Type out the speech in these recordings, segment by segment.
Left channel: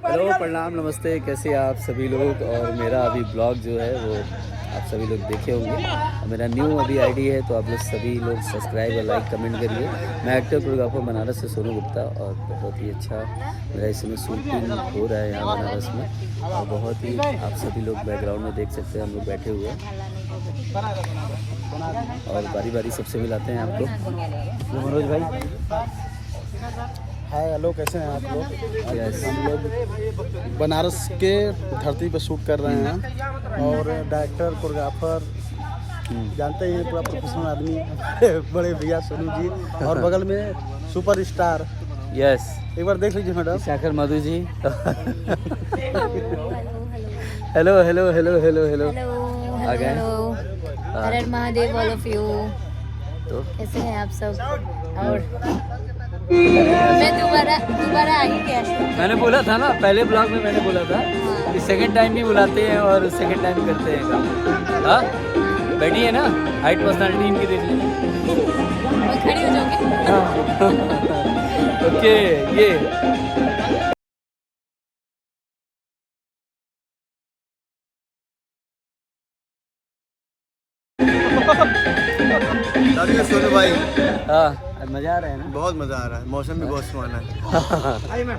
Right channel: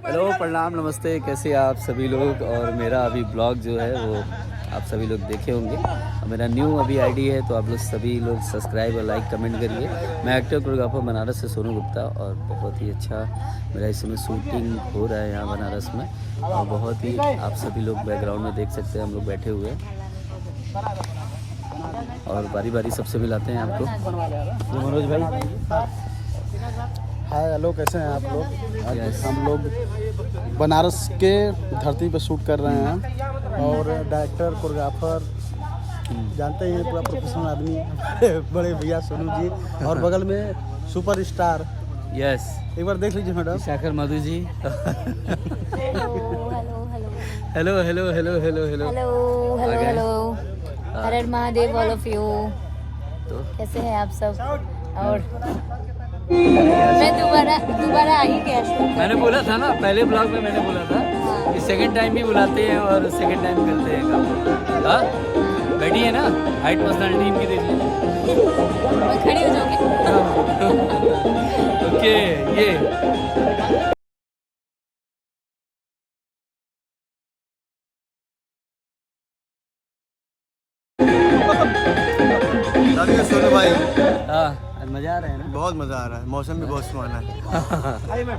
Hello, प्रणाम, नमस्ते, कैसे आप सभी लोग। और मेरा अभी ब्लॉग जो है वो आप सभी लोग देखे होंगे और मेरा न्यू अभी आईडी है, तो आप लोग सभी लोग सब्सक्राइब और लाइक कमेंट करिए। मैं एक्टर कोरियोग्राफर बनारस से सोनू गुप्ता, और बहुत ही अच्छा मेरा इस समय शूटिंग हो रहा है यहाँ बनारस में। और बहुत ही आप सभी लोग बैकग्राउंड में देख सकते हैं, हम लोग बैठे हुए हैं और बारी बारी सबसे मिलाते हैं आपको। ये मनोज भाई, हाय हेलो, कैसे हैं आप लोग? Yes. हम लोग बनारस के धरती पर शूट कर रहे हैं और डायरेक्टर कोरियोग्राफर जानते ही हैं, पूरा प्रोफेशनल आदमी हमारे बड़े भैया सोनू जी, और बगल में सुपर स्टार। यस, एक बार देख लीजिए madam. Shakar Madhu ji. Hello hello hello hello hello hello. Hello आ गए? Hello, Har Har Mahadev all of you. तो कैसे हैं आप सब? और मैं दोबारा आई क्या शूट? मैंने बोला था ना, पहले ब्लॉग में मैंने बोला था हाँ। कि सेकंड टाइम भी बुलाते हैं और सेकंड टाइम करते हैं काम। हाँ, बैठी है ना, हाइट पर्सनालिटी इनकी देख लीजिए। मैं खड़ी हो जाऊंगी। ओके, ये सोनू भाई, हाँ, मजा आ रहा है ना? बहुत मज़ा आ रहा है, मौसम भी बहुत सुहाना है।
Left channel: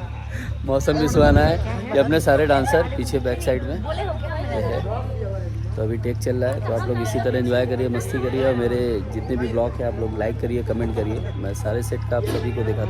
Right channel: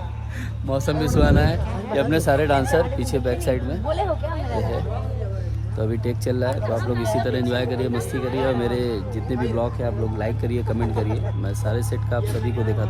मौसम भी सुहाना है। ये अपने सारे डांसर पीछे बैक साइड में ये है। तो अभी टेक चल रहा है, तो आप लोग इसी तरह एंजॉय करिए, मस्ती करिए, और मेरे जितने भी ब्लॉग हैं आप लोग लाइक करिए, कमेंट करिए। मैं सारे सेट का आप सभी को दिखाता हूँ।